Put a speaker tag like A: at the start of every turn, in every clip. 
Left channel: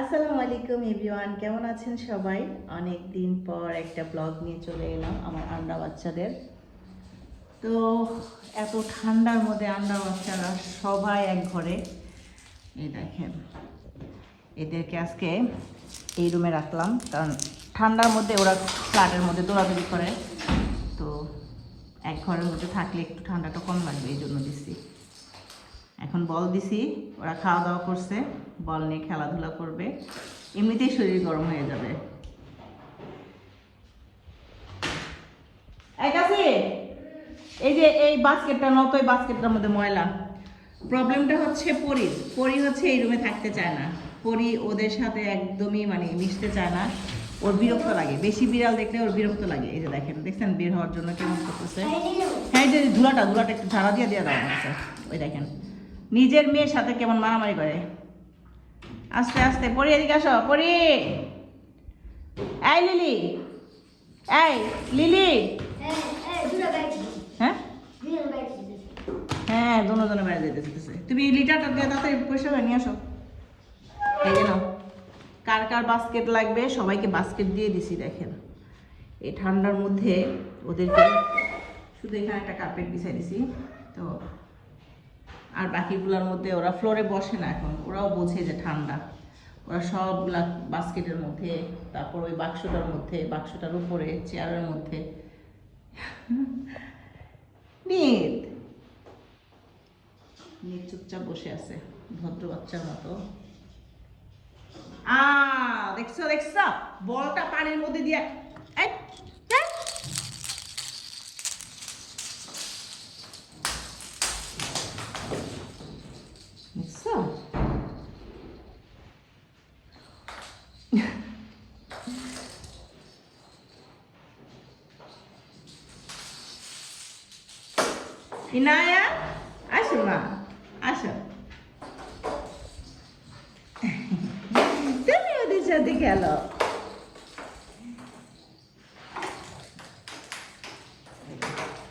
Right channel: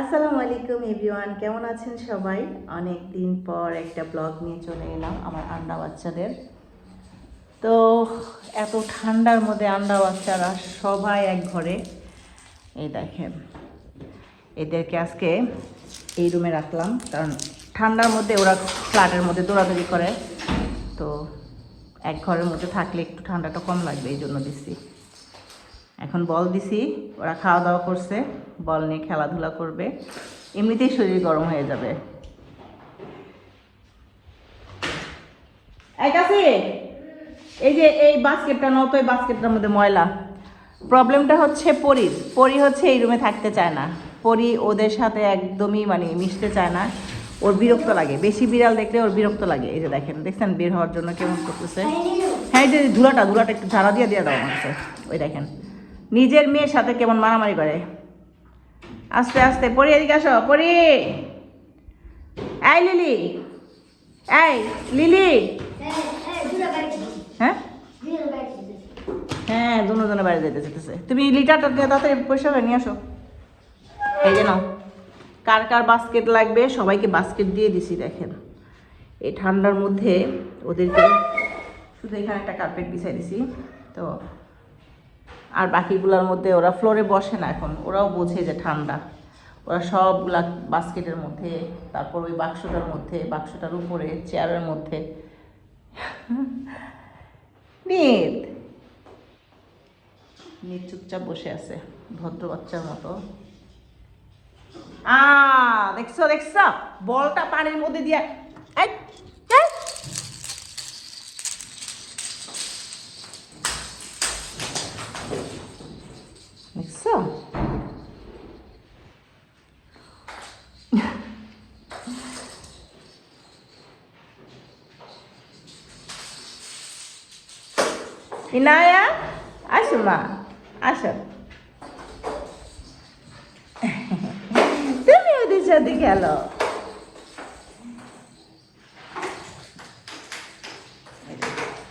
A: আসসালামু আলাইকুম এভরিওয়ান, কেমন আছেন সবাই? অনেক দিন পর একটা ব্লগ নিয়ে চলে এলাম আমার আন্ডা বাচ্চাদের তো এত ঠান্ডার মধ্যে আন্ডা বাচ্চারা সবাই এক ঘরে। এই দেখেন, এদেরকে আজকে এই রুমে রাখলাম, কারণ ঠান্ডার মধ্যে ওরা ফ্ল্যাটের মধ্যে দৌড়াদৌড়ি করে। তো এক ঘরের মধ্যে থাকলে একটু ঠান্ডাটা কম লাগবে, এই জন্য দিচ্ছি। এখন বল দিছি, ওরা খাওয়া দাওয়া করছে, বল নিয়ে খেলাধুলা করবে। এমনিতেই শরীর গরম হয়ে যাবে। এই কাছে, এই যে এই বাস্কেটটা নত এই বাস্কেটটার মধ্যে ময়লা। প্রবলেমটা হচ্ছে পরির। পরি হচ্ছে এই রুমে থাকতে চায় না। পরি ওদের সাথে একদমই মানে মিশতে চায় না। ওর বিরক্ত লাগে। বেশি বিড়াল দেখলে ওর বিরক্ত লাগে। এই যে দেখেন, দেখছেন বের হওয়ার জন্য কেমন করতেছে? হ্যাঁ এই যে ধুলাটা ধুলাটা একটু ঝাড়া দিয়ে দিয়ে দাও আমাকে। ওই দেখেন। নিজের মেয়ের সাথে কেমন মারামারি করে? আস্তে আস্তে, পড়ি এদিকে আসো, পড়ি। এই লিলি এই লিলি। হ্যাঁ? হ্যাঁ দুজনে বাইরে যেতে যেতেছে। তুমি লিটারটা দিয়ে তাড়াতাড়ি পয়সা নিয়ে আসো। এই যে কার কার বাস্কেট লাগবে? সবাইকে বাস্কেট দিয়ে দিছি, দেখেন। এই ঠান্ডার মধ্যে ওদেরকে শুধু এখানে একটা কার্পেট বিছাই দিছি। তো আর বাকিগুলোর মধ্যে ওরা ফ্লোরে বসে না এখন ওরাও বোঝে যে ঠান্ডা। ওরা সবগুলা বাস্কেটের মধ্যে তারপর ওই বাক্সটার মধ্যে বাক্সটার উপরে চেয়ারের মধ্যে। নিত! নিত চুপচাপ বসে আছে ভদ্র বাচ্চার মতো। আ দেখছ দেখছ? বলটা পানির মধ্যে দিয়ে এই, ইনায়া, আসো মা, আসো। তুমি ওদের সাথে খেলো।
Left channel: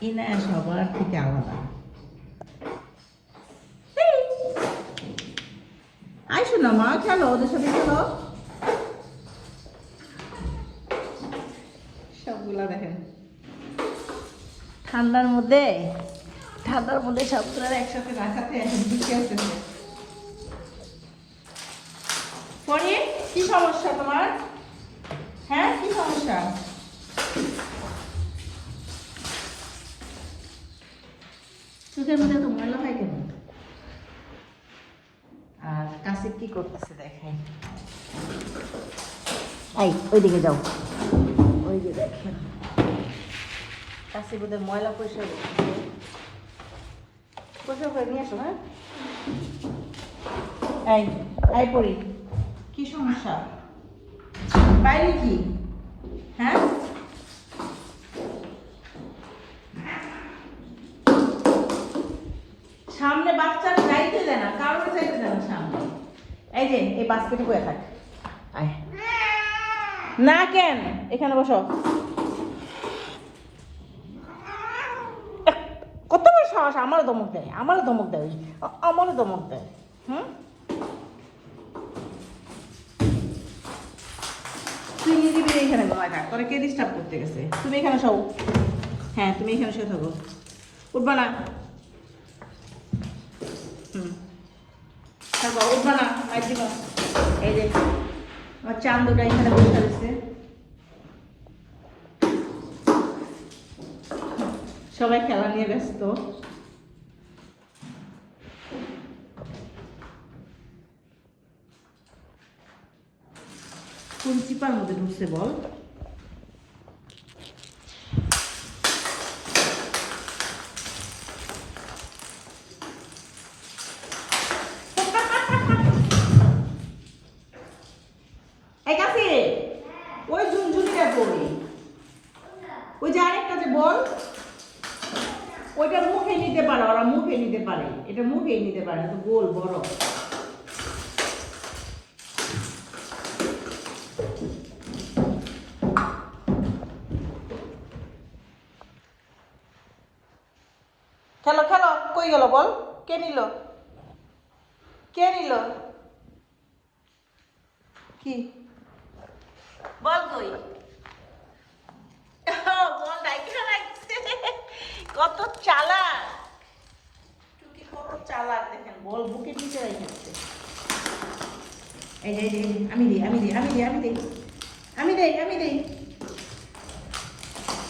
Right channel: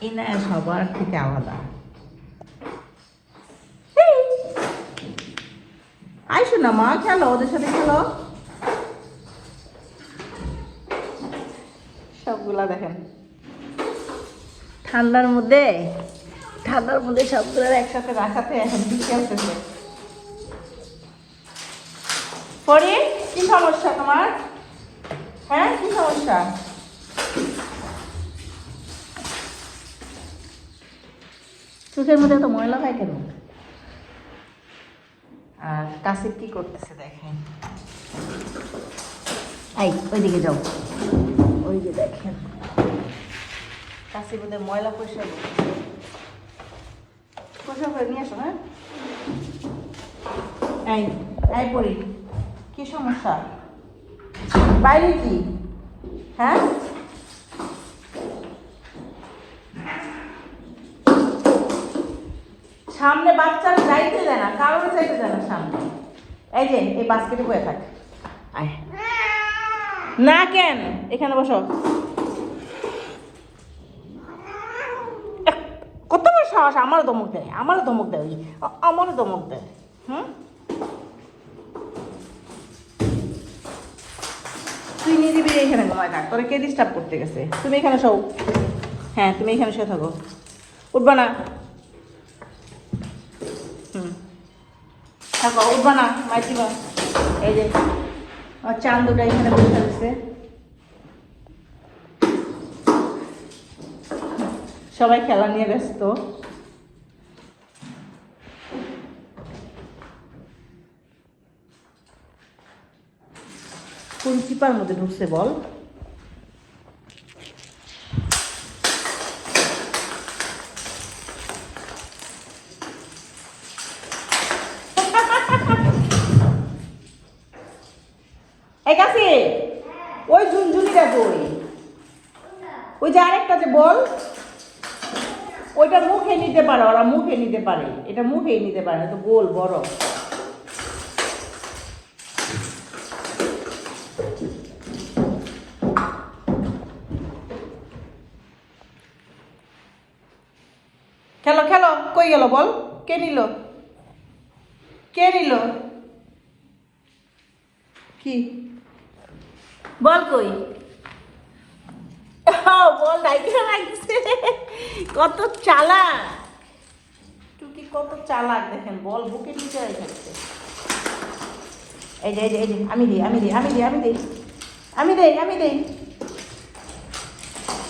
A: ইনায়া সবার থেকে আলাদা। আইসো না মা, খেলো, ওদের সাথে খেলো। সবগুলা দেখেন। ঠান্ডার মধ্যে ঠান্ডার মধ্যে সবগুলো একসাথে রাখাতে এখন খেলতেছে পরে কি সমস্যা তোমার? হ্যাঁ কি সমস্যা? চোখের মধ্যে এত ময়লা হয় কেন? আর কাছে কি করতেছে দেখেন। এই, ওইদিকে যাও। ওই যে দেখেন। কাছে মধ্যে ময়লা পয়সা নিয়ে হ্যাঁ? বাইরে কি? হ্যাঁ? সামনে বাচ্চারা যাইতে দেয় না কারোর যাইতে দেয় না সামনে। এই যে, এই বাস্কেটে হয়ে থাক। না কেন? এখানে বসো। কত সাহস, আমারও দমক ডিস্টার্ব করতে গেছে। তুমি এখানে শো হ্যাঁ তুমি এখানে শুয়ে থাকো। উঠবা না। সবাই খেলা নিয়ে ব্যস্ত। চিপার মধ্যে ঢুকছে বল এই কাছে ওই ঝুনঝুনিটা কই ওই যে আরেকটা যে বল। ওইটা মুখে নিতে পারে, ওরা মুখে নিতে পারে। এটা মুখেই নিতে পারে তো, গোল, বড়। খেলো খেলো, কই গেল বল? কে নিল? কে নিল? কি? বল কই? বল ডাইকে রাখছে কত চালা টুকি কত চালা দেখেন বল বুকে ঢুকে রেখেছে এই যে এই যে আমি দিই আমি দিই আমি দিই আমি দিই আমি দেই। আমি দেই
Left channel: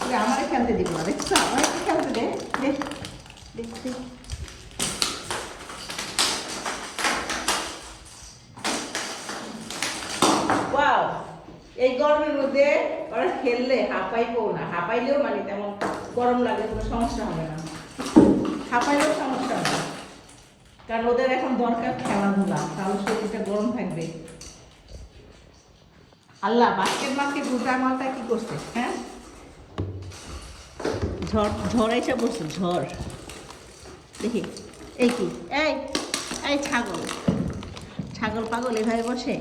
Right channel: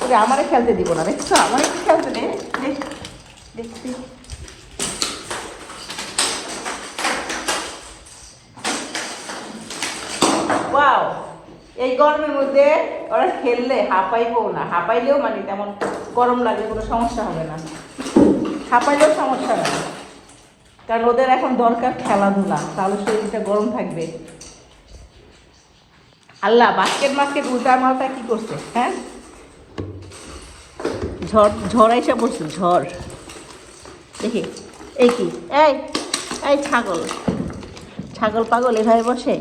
A: ওরে আমারে খেলতে দিব না দেখছ? আমার খেলতে দে দে দে দে। ওয়াও এই গরমের মধ্যে ওরা খেললে হাঁপাইবো না। হাঁপাইলেও মানে তেমন গরম লাগলে কোনো সমস্যা হবে না। হাঁপাইলেও সমস্যা হবে না। কারণ ওদের এখন দরকার খেলাধুলা, তাহলে শরীরটা গরম থাকবে। আল্লাহ বাস্কেট মাস্কেট উল্টা মালটা কি করছে হ্যাঁ? ঝড় ঝড় আইসা পড়ছে, ঝড়। দেখি, এই কি? এই এই ছাগল। ছাগল পাগল এভাবে বসে?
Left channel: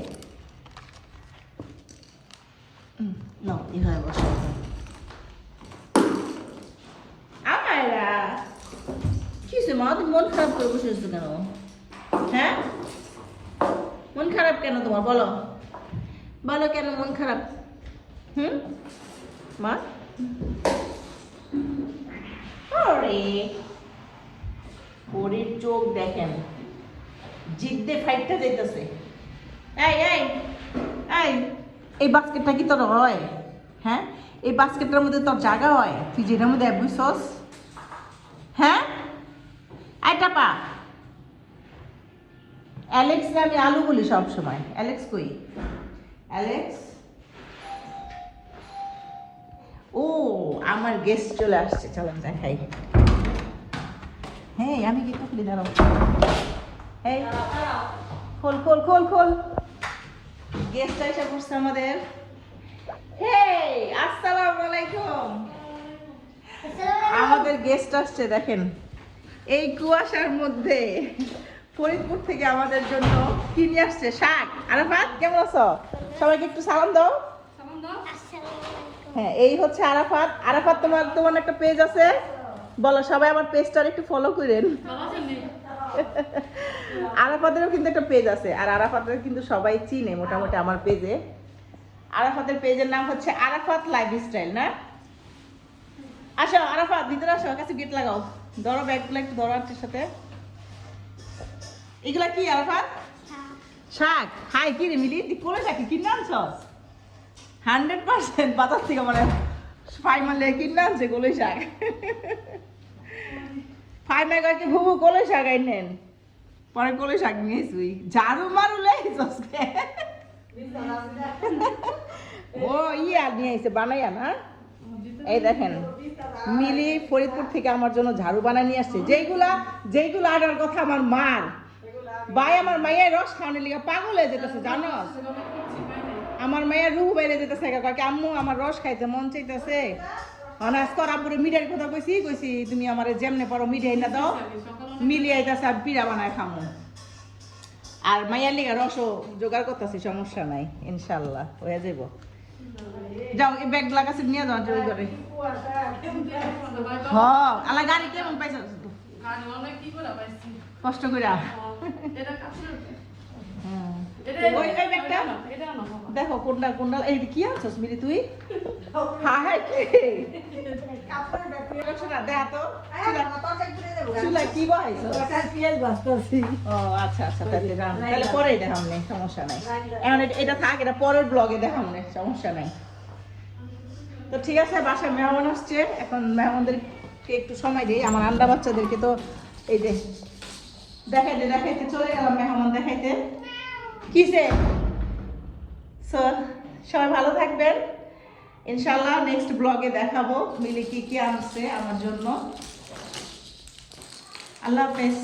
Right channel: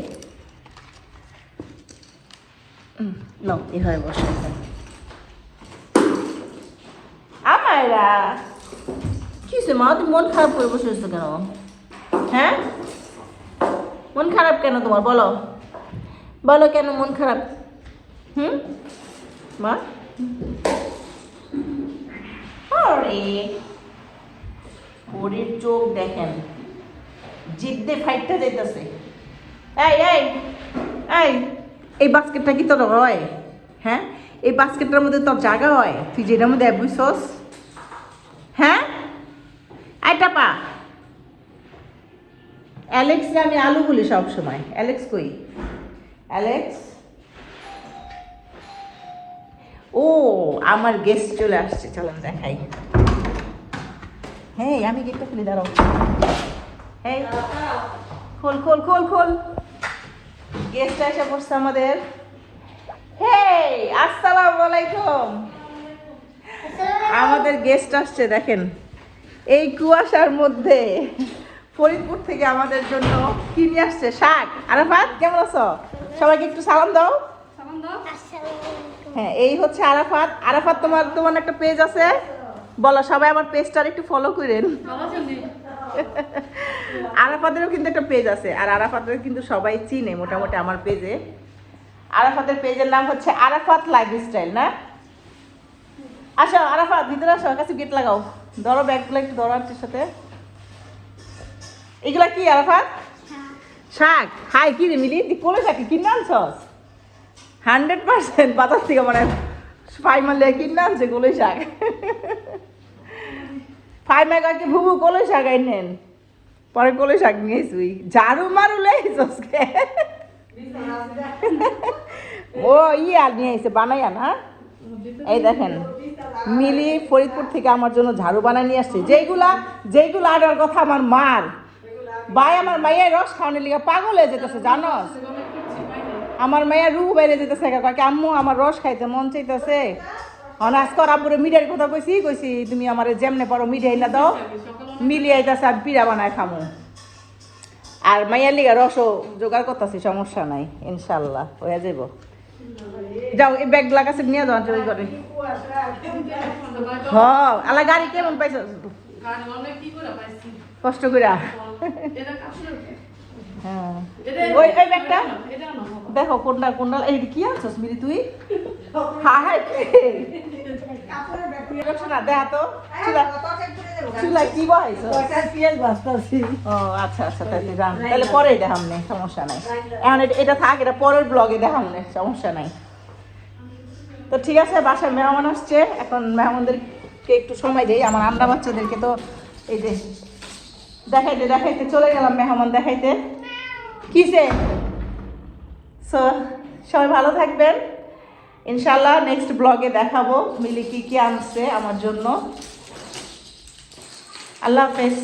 A: নাও এভাবে বসে। আমায়রা কি মা তুমি মন খারাপ করে বসে কেন হ্যাঁ মন খারাপ কেন তোমার বলো বলো কেন মন খারাপ হুম মা ওরে চোখ দেখেন জিদ্দে ফাইটটা যেতেছে এই এই এই এই বাস্কেটটা কি তোর হয়? হ্যাঁ? এই বাস্কেটটার মধ্যে তোর জায়গা হয়? তুই যেটার মধ্যে বুঝছস হ্যাঁ? আইটা পা অ্যালেক্স আমি আলু বলি সব সময় অ্যালেক্স কই? অ্যালেক্স? ও আমার গেস্ট চলে আসছে। চলেন দেখাই। হ্যাঁ আমি কিন্তু খুলে দাঁড়াও এই, খোল খোল খোল খোল। গেস্ট এসে বসছে আমাদের। হেই আসসালামু আলাইকুম। আমাদের গেস্ট আসছে দেখেন। এই কুয়াশার মধ্যে ফরিদপুর থেকে আমাদের জন্য কিনে আসছে শাক। আরাফাত কেমন আছো? সবাইকে একটু সালাম দাও। হ্যাঁ এই হচ্ছে আরাফাত। আরাফাত তোমার তোমার একটা পেজ আছে? বলো সবাই আমার পেজটার একটু ফলো করেন। আরাফাতেরও কিন্তু একটা পেজ আছে আর আরাফাতের কিন্তু সবাই চিনে মোটামুটি আমার পেজে আরাফাতের পেজের নাম হচ্ছে আরাফাত লাইফস্টাইল না? আসো আরাফাত ভিতরে আসো কাছে গেট লাগাও। ধরো ব্যাগগুলো একটু ধরো সাথে। এগুলা কি আরাফাত? শাক। হাই কি রে মিলি? তুই কোলে শাক কিনে আনছস? হান্ড্রেড পার্সেন্ট বাজার থেকে মানে ফাই মারলে কিনে আনছে কোলে শাক। ফাই মেগাকে ভুবু কোলে শাক আইনেন পরে কোলে শাক নিয়ে তুই ঝাড়ু মারু লেইছস ও ই আর নিয়ে এসে বানাইয়া না এই দেখেন, মিলি ফরিদপুর থেকে আমার জন্য ঝাড়ু বানায় নিয়ে আসছে। যেইগুলা যেইগুলা আনার কথা আমার মার। ভাই, আমার মাইয়ের রস খাওয়ানোর লিগে পাগল হয়ে যেতেছে, জানো? আমার মাইয়া রুহু বাইরে যেতেছে কাকে আম্মু, আমার রস খাইতে মন চাইতেছে। অনাজ করা পুরো মিঠাইয়ের কথা কইছি কইছি তুমি আমার যেমনে পারো মিঠাই না দাও মিলিয়ে আইতাছে আর পিড়া বানায় খামো। আর মাইয়ার লিগা রসও জোগাড় করতেছি সমস্যা নাই ইনশাল্লাহ হয়ে যাব যাও এই ব্যাগগুলা কাছে নিয়ে যাও ওই করে হ আলা গাড়ি কেমন পাইছ? কষ্ট করে হ্যাঁ। ওই ওই ব্যাগটা। দেখো কোনটা কোনটা এই কি আনছস মিলি তুই? হ্যাঁ হ্যাঁ দেখা তো। চুলা- বহাইছস? ও আচ্ছা আচ্ছা তাহলে তাহলে দেখাম নেই সমস্যা নাই। এখন এটা- এটা থাক এটা পরের ব্লগে দেখাম নেই সমস্যা নাই। তো ঠিক আছে বাসায় মেহমান আসছে। এখন মেহমানদেরকে একটু সময় দেই। আমার আন্ডা বাচ্চাদেরকে তো এই যে দেখাইতে দেখাইতে চলে গেলাম মেহমান দেখাইতে। কিসে সো সবাই ভালো থাকবেন। ইনশাল্লাহ নেক্সট ব্লগে দেখাবো মিলি কি কি আনছে আমার জন্য। আল্লাহ হাফেজ।